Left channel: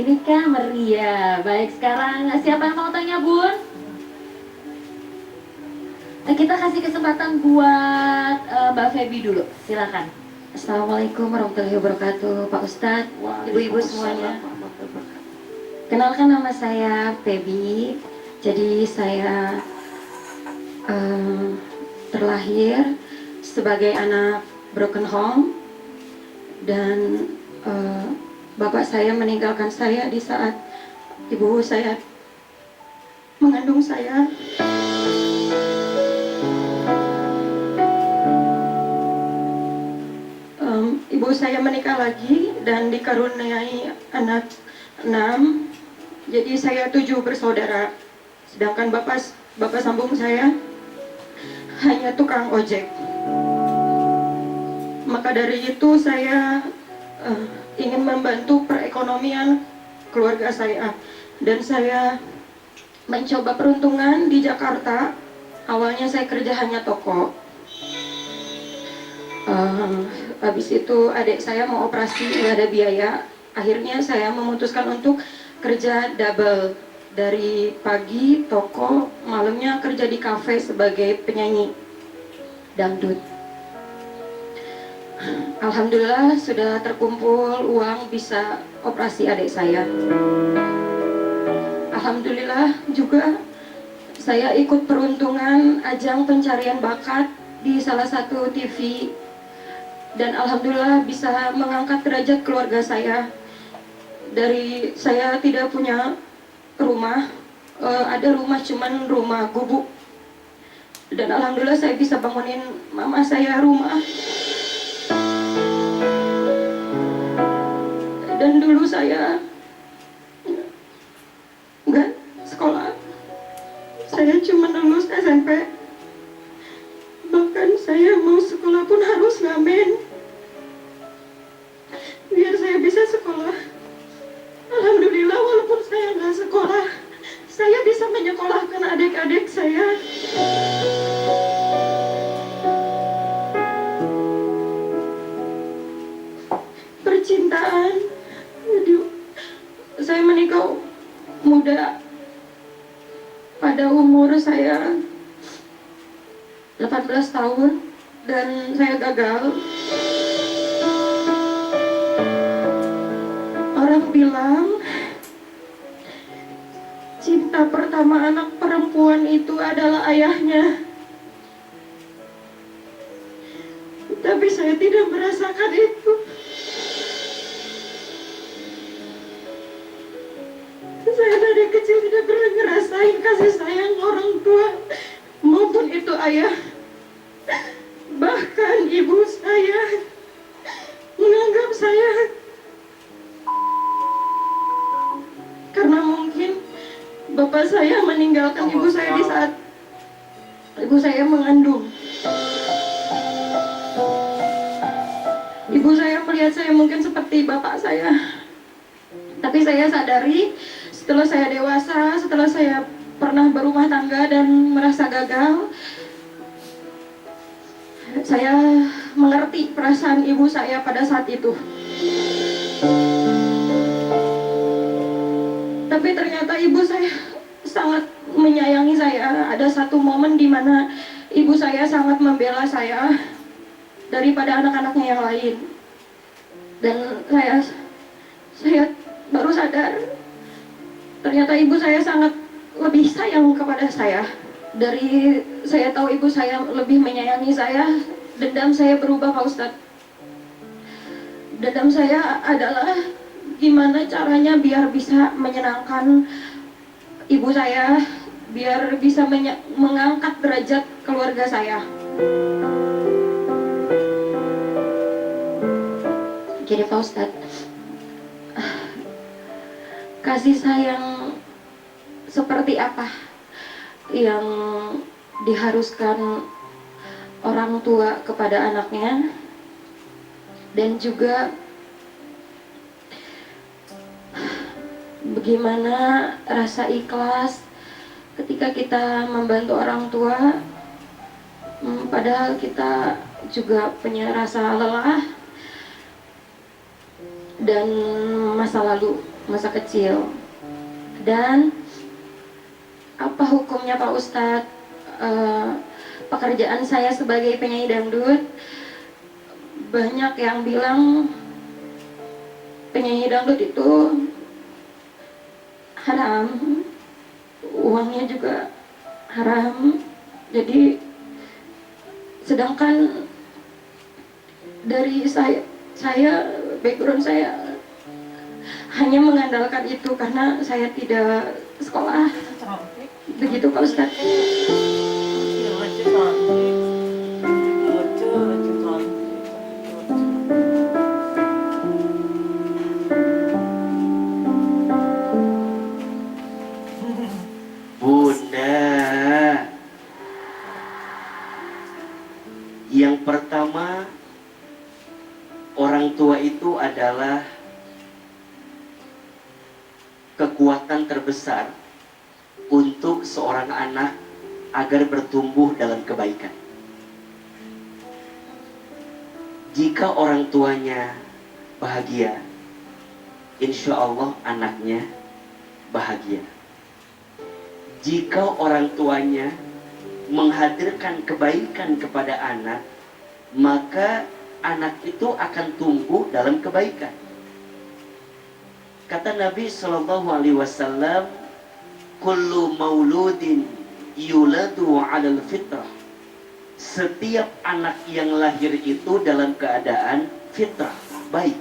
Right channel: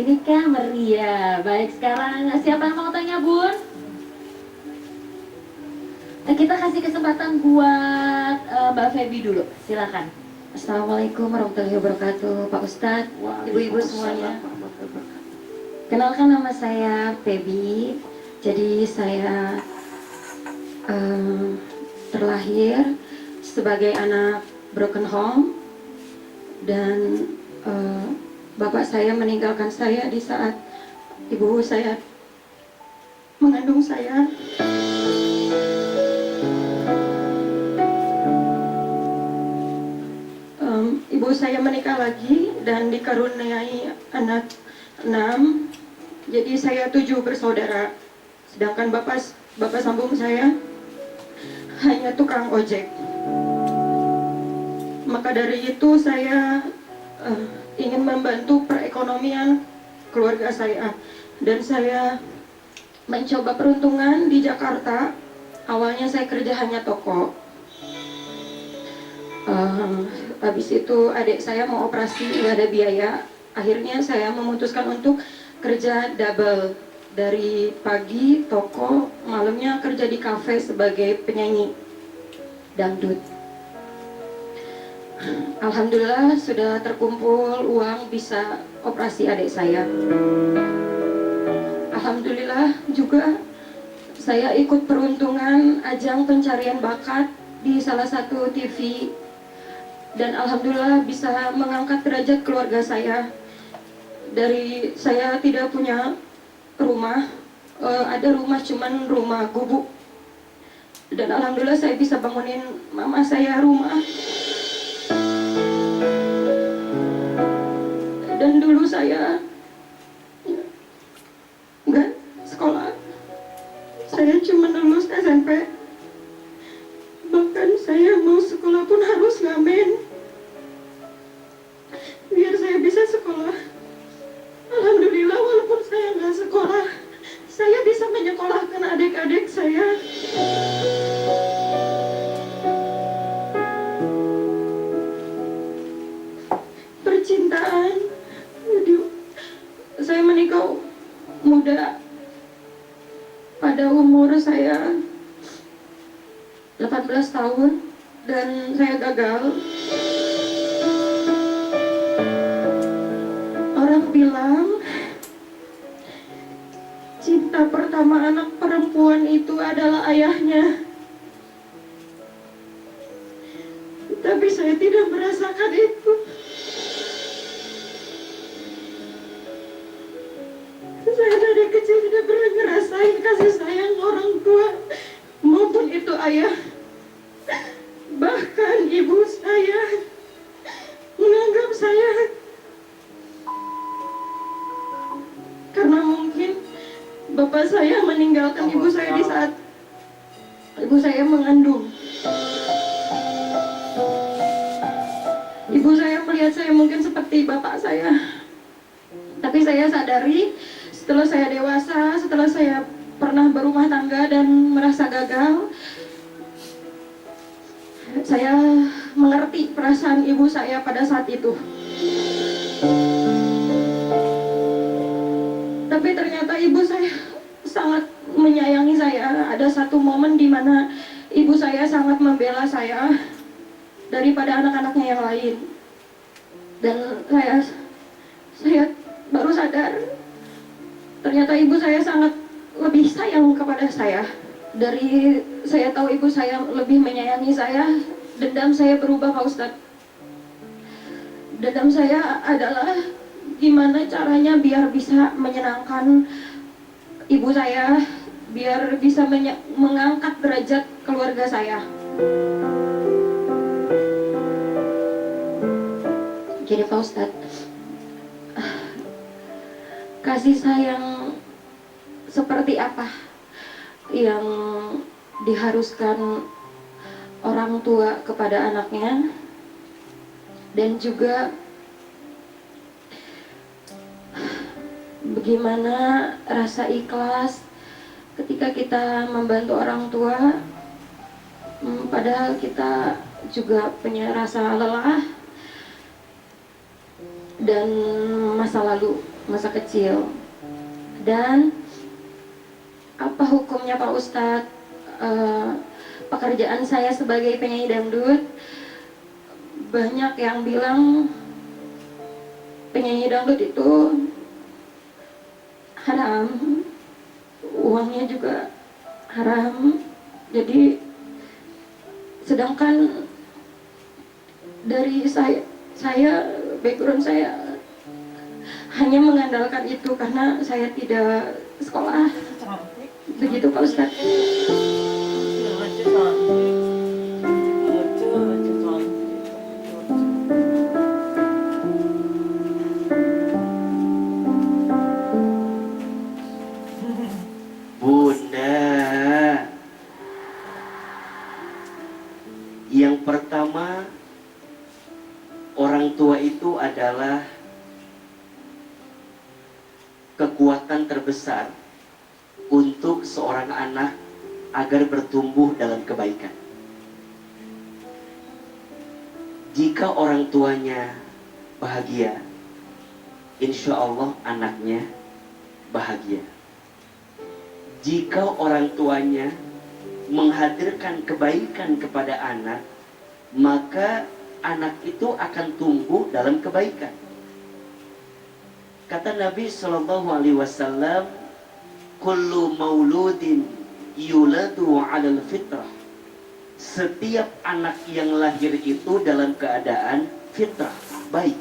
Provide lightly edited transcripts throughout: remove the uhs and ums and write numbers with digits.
Gini kah meriah. Baik, sekarang siapa yang mau tanya, Bun? Kita kasih kesempatan buat Mbak Feby dulu. Silakan. Assalamualaikum warahmatullahi wabarakatuh, Pak Ustadz, ibu-ibu semuanya. Kenalkan, nama saya Feby. Jadi saya terlahir sebagai anak broken home dan bapak saya meninggalkan saya di saat ibu saya mengandung saya. Ibu saya menikah lagi dan dikaruniai anak 6. Jadi saya 7 bersaudara. Sedangkan bapak sambung saya hanya tukang ojek. Maka dari itu saya ingin membantu perekonomian keluarga saya, dan saya mencoba peruntungan di Jakarta. Awalnya saya kerja hanya toko. Habis itu adik saya mau operasi, nggak ada biaya. Akhirnya saya memutuskan untuk kerja double, dari pagi toko, malamnya kerja di kafe sebagai penyanyi dangdut. Alhamdulillah sudah terkumpul uang bisa operasi adik saya. Alhamdulillah juga saya ikut peruntungan ajang pencarian bakat di salah satu TV, dan alhamdulillah bisa mengangkat derajat keluarga saya. Dari saya tidak punya rumah, ada rumah cuman rumah gubuk, dan alhamdulillah saya bisa bangunin mama saya rumah. Dan dulu saya nggak sekolah, saya cuma lulus SMP. Bahkan saya mau sekolah pun harus ngamen biar saya bisa sekolah. Alhamdulillah, walaupun saya nggak sekolah, saya bisa menyekolahkan adik-adik saya. Percintaan, aduh, saya menikah muda. Pada umur saya 18 tahun dan saya gagal. Orang bilang cinta pertama anak perempuan itu adalah ayahnya. Tapi saya tidak merasakan itu. Saya dari kecil tidak pernah ngerasain kasih sayang orang tua, maupun itu ayah. Bahkan ibu saya menganggap saya, karena mungkin bapak saya meninggalkan ibu saya di saat ibu saya mengandung. Ibu saya melihat saya mungkin seperti bapak saya. Tapi saya sadari setelah saya dewasa, setelah saya pernah berumah tangga dan merasa gagal, saya mengerti perasaan ibu saya pada saat itu. Tapi ternyata ibu saya sangat menyayangi saya. Ada satu momen di mana ibu saya sangat membela saya daripada anak-anaknya yang lain. Dan saya baru sadar ternyata ibu saya sangat lebih sayang kepada saya. Dari saya tahu ibu saya lebih menyayangi saya, dendam saya berubah, Pak Ustadz. Dendam saya adalah gimana caranya biar bisa menyenangkan ibu saya, biar bisa mengangkat derajat keluarga saya. Jadi Pak Ustadz, kasih sayang seperti apa yang diharuskan orang tua kepada anaknya, dan juga bagaimana rasa ikhlas ketika kita membantu orang tua, padahal kita juga punya rasa lelah dan masa lalu masa kecil. Dan apa hukumnya Pak Ustadz? Pekerjaan saya sebagai penyanyi dangdut, banyak yang bilang penyanyi dangdut itu haram, uangnya juga haram. Jadi sedangkan dari saya background saya hanya mengandalkan itu karena saya tidak sekolah. Begitu Pak Ustadz. Bunda, yang pertama, orang tua itu adalah kekuatan terbesar untuk seorang anak agar bertumbuh dalam kebaikan. Jika orang tuanya bahagia, insya Allah anaknya bahagia. Jika orang tuanya menghadirkan kebaikan kepada anak, maka anak itu akan tumbuh dalam kebaikan. Kata Nabi SAW, kullu mauludin yuladu 'alal fitrah. Setiap anak yang lahir itu dalam keadaan fitrah, baik.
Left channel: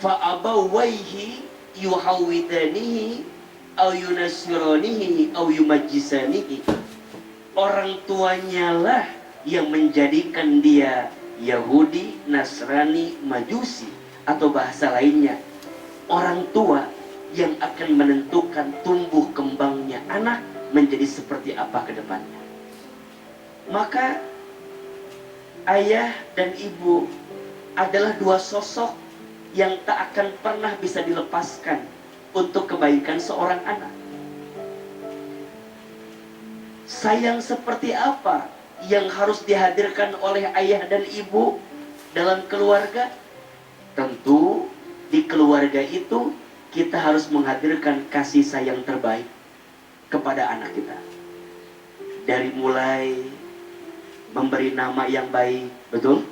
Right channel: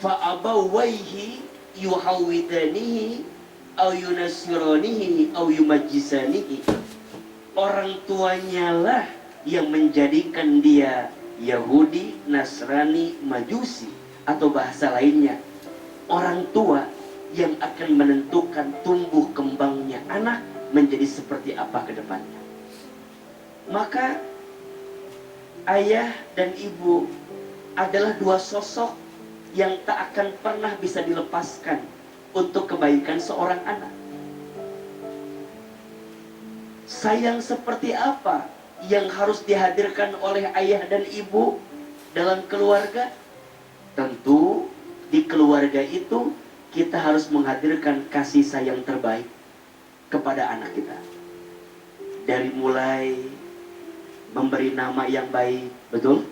Fa abawaihi yuhawidanihi aw yunasiranihi aw yumajjisanihi. Orang tuanya lah yang menjadikan dia Yahudi, Nasrani, Majusi, atau bahasa lainnya, orang tua yang akan menentukan tumbuh kembangnya anak menjadi seperti apa ke depannya. Maka ayah dan ibu adalah dua sosok yang tak akan pernah bisa dilepaskan untuk kebaikan seorang anak. Sayang seperti apa yang harus dihadirkan oleh ayah dan ibu dalam keluarga? Tentu di keluarga itu kita harus menghadirkan kasih sayang terbaik kepada anak kita. Dari mulai memberi nama yang baik, betul?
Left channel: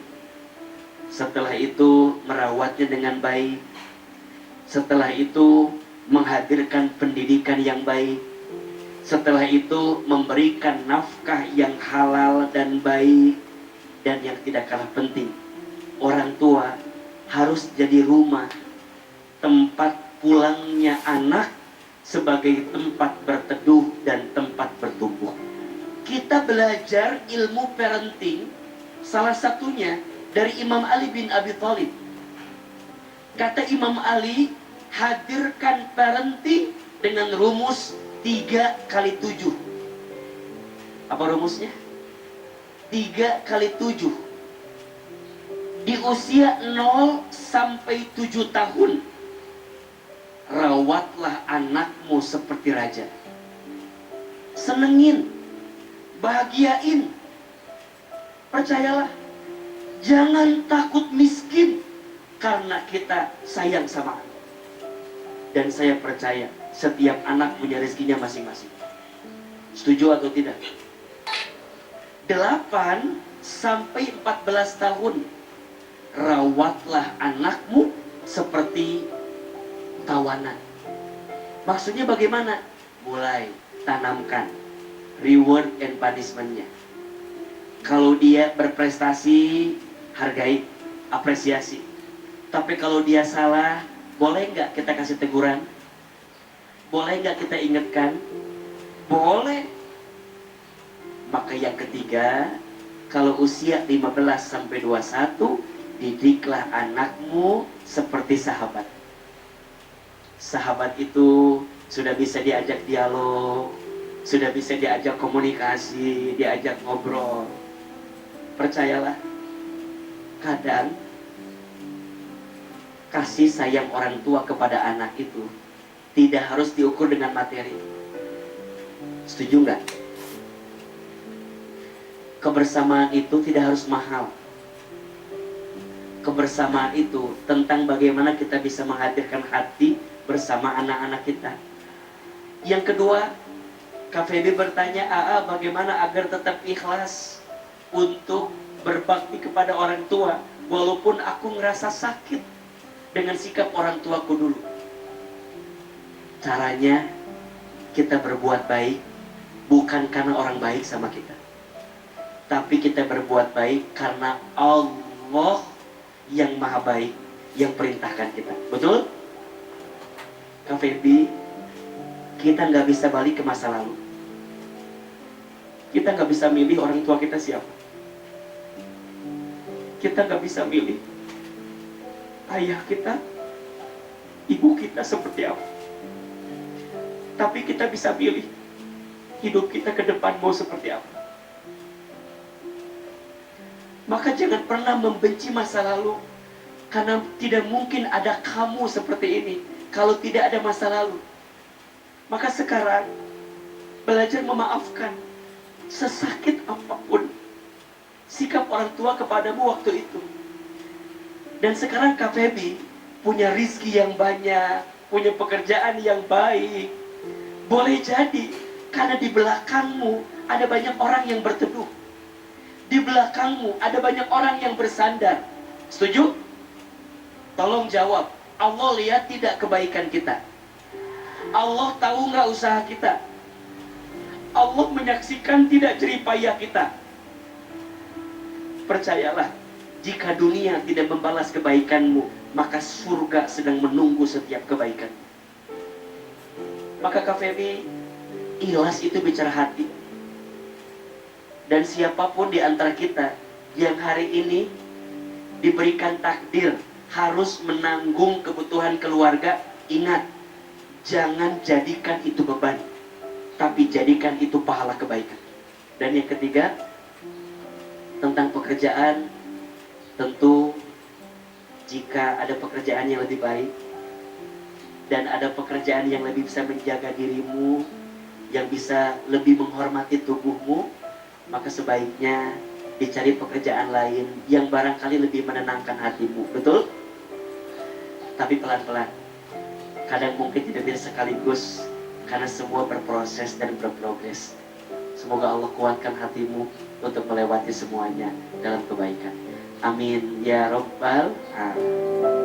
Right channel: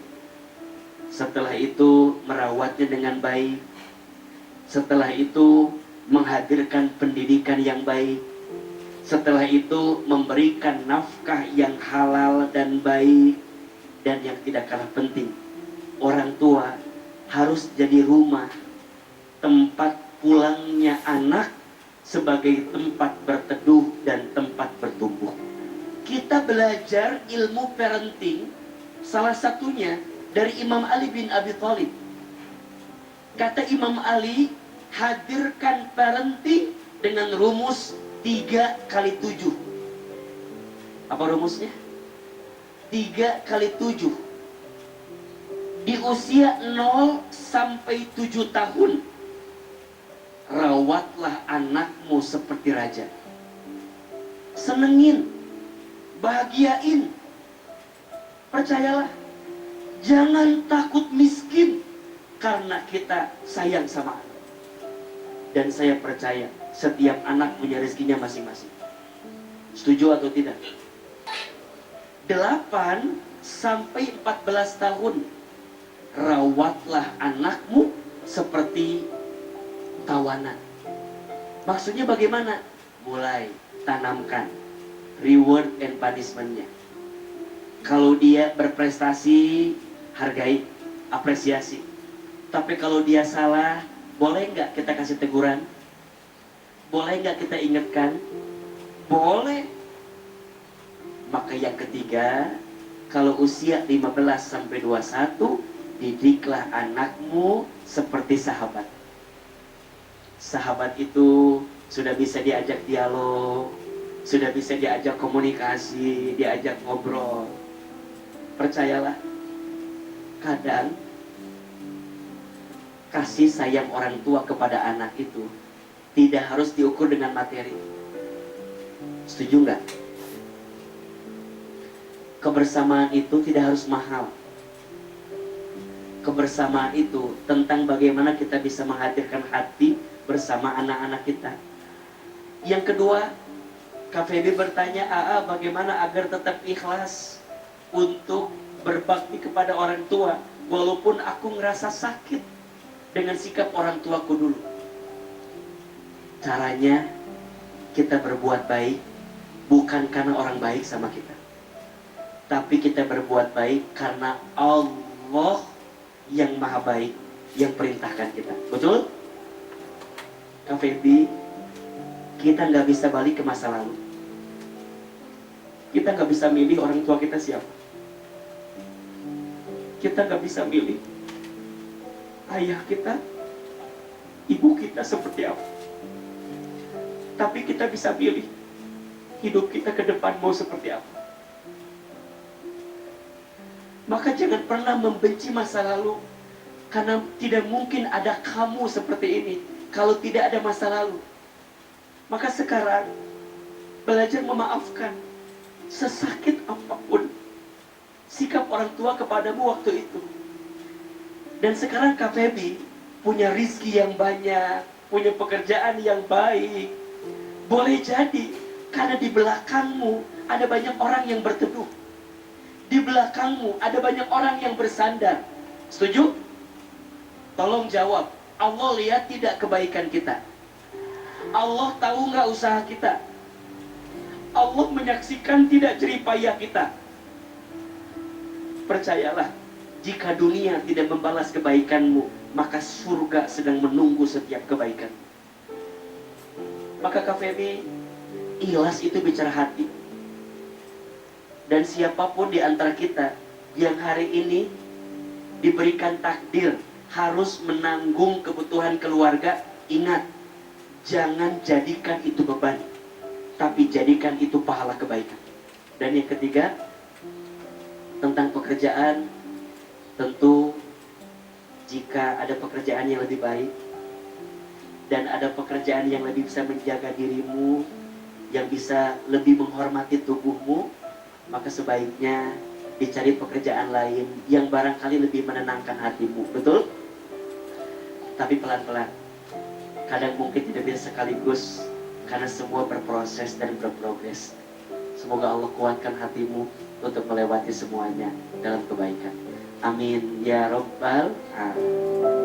Setelah itu merawatnya dengan baik. Setelah itu menghadirkan pendidikan yang baik. Setelah itu memberikan nafkah yang halal dan baik. Dan yang tidak kalah penting, orang tua harus jadi rumah, tempat pulangnya anak sebagai tempat berteduh dan tempat bertumbuh. Kita belajar ilmu parenting salah satunya dari Imam Ali bin Abi Thalib. Kata Imam Ali, hadirkan parenting dengan rumus 3 kali 7. Apa rumusnya? 3 kali 7. Di usia 0 sampai 7 tahun, rawatlah anakmu seperti raja. Senengin, bahagiain. Percayalah, jangan takut miskin karena kita sayang sama anak. Dan saya percaya setiap anak punya rezekinya masing-masing. Setuju atau tidak? 8 sampai 14 tahun, rawatlah anakmu seperti tawanan. Maksudnya bagaimana? Mulai tanamkan reward and punishment-nya. Kalau dia berprestasi, hargai, apresiasi. Tapi kalau dia salah, boleh nggak kita kasih teguran? Boleh nggak kita ingatkan? Boleh. Maka yang ketiga, kalau usia 15 sampai 21, didiklah anakmu seperti sahabat. Sahabat itu sudah bisa diajak dialog, sudah bisa diajak komunikasi, diajak ngobrol. Percayalah, kadang kasih sayang orang tua kepada anak itu tidak harus diukur dengan materi. Setuju nggak? Kebersamaan itu tidak harus mahal. kebersamaan itu tentang bagaimana kita bisa menghadirkan hati bersama anak-anak kita. Yang kedua, Kak Feby bertanya, AA bagaimana agar tetap ikhlas untuk berbakti kepada orang tua walaupun aku ngerasa sakit dengan sikap orang tuaku dulu. Caranya kita berbuat baik bukan karena orang baik sama kita, tapi kita berbuat baik karena Allah yang maha baik yang perintahkan kita. Betul? Kak Feby, kita nggak bisa balik ke masa lalu. Kita nggak bisa milih orang tua kita siapa. Kita nggak bisa milih ayah kita, ibu kita seperti apa. Tapi kita bisa pilih hidup kita ke depan mau seperti apa. Maka jangan pernah membenci masa lalu, karena tidak mungkin ada kamu seperti ini kalau tidak ada masa lalu. Maka sekarang belajar memaafkan, sesakit apapun sikap orang tua kepadamu waktu itu. Dan sekarang Kak Feby punya rizki yang banyak, punya pekerjaan yang baik. Boleh jadi karena di belakangmu ada banyak orang yang berteduh. Di belakangmu ada banyak orang yang bersandar. Setuju? Tolong jawab. Allah lihat tidak kebaikan kita? Allah tahu nggak usaha kita? Allah menyaksikan tidak jerih payah kita? Percayalah, jika dunia tidak membalas kebaikanmu, maka surga sedang menunggu setiap kebaikan. Maka Kak Feby, ikhlas itu bicara hati. Dan siapapun di antara kita yang hari ini diberikan takdir harus menanggung kebutuhan keluarga, ingat, jangan jadikan itu beban, tapi jadikan itu pahala kebaikan. Dan yang ketiga, tentang pekerjaan, tentu jika ada pekerjaan yang lebih baik dan ada pekerjaan yang lebih bisa menjaga dirimu, yang bisa lebih menghormati tubuhmu, maka sebaiknya dicari pekerjaan lain yang barangkali lebih menenangkan hatimu. Betul? Tapi pelan-pelan. Kadang mungkin tidak bisa sekaligus, karena semua berproses dan berprogres. Semoga Allah kuatkan hatimu untuk melewati semuanya dalam kebaikan. Amin ya Rabbal Alamin.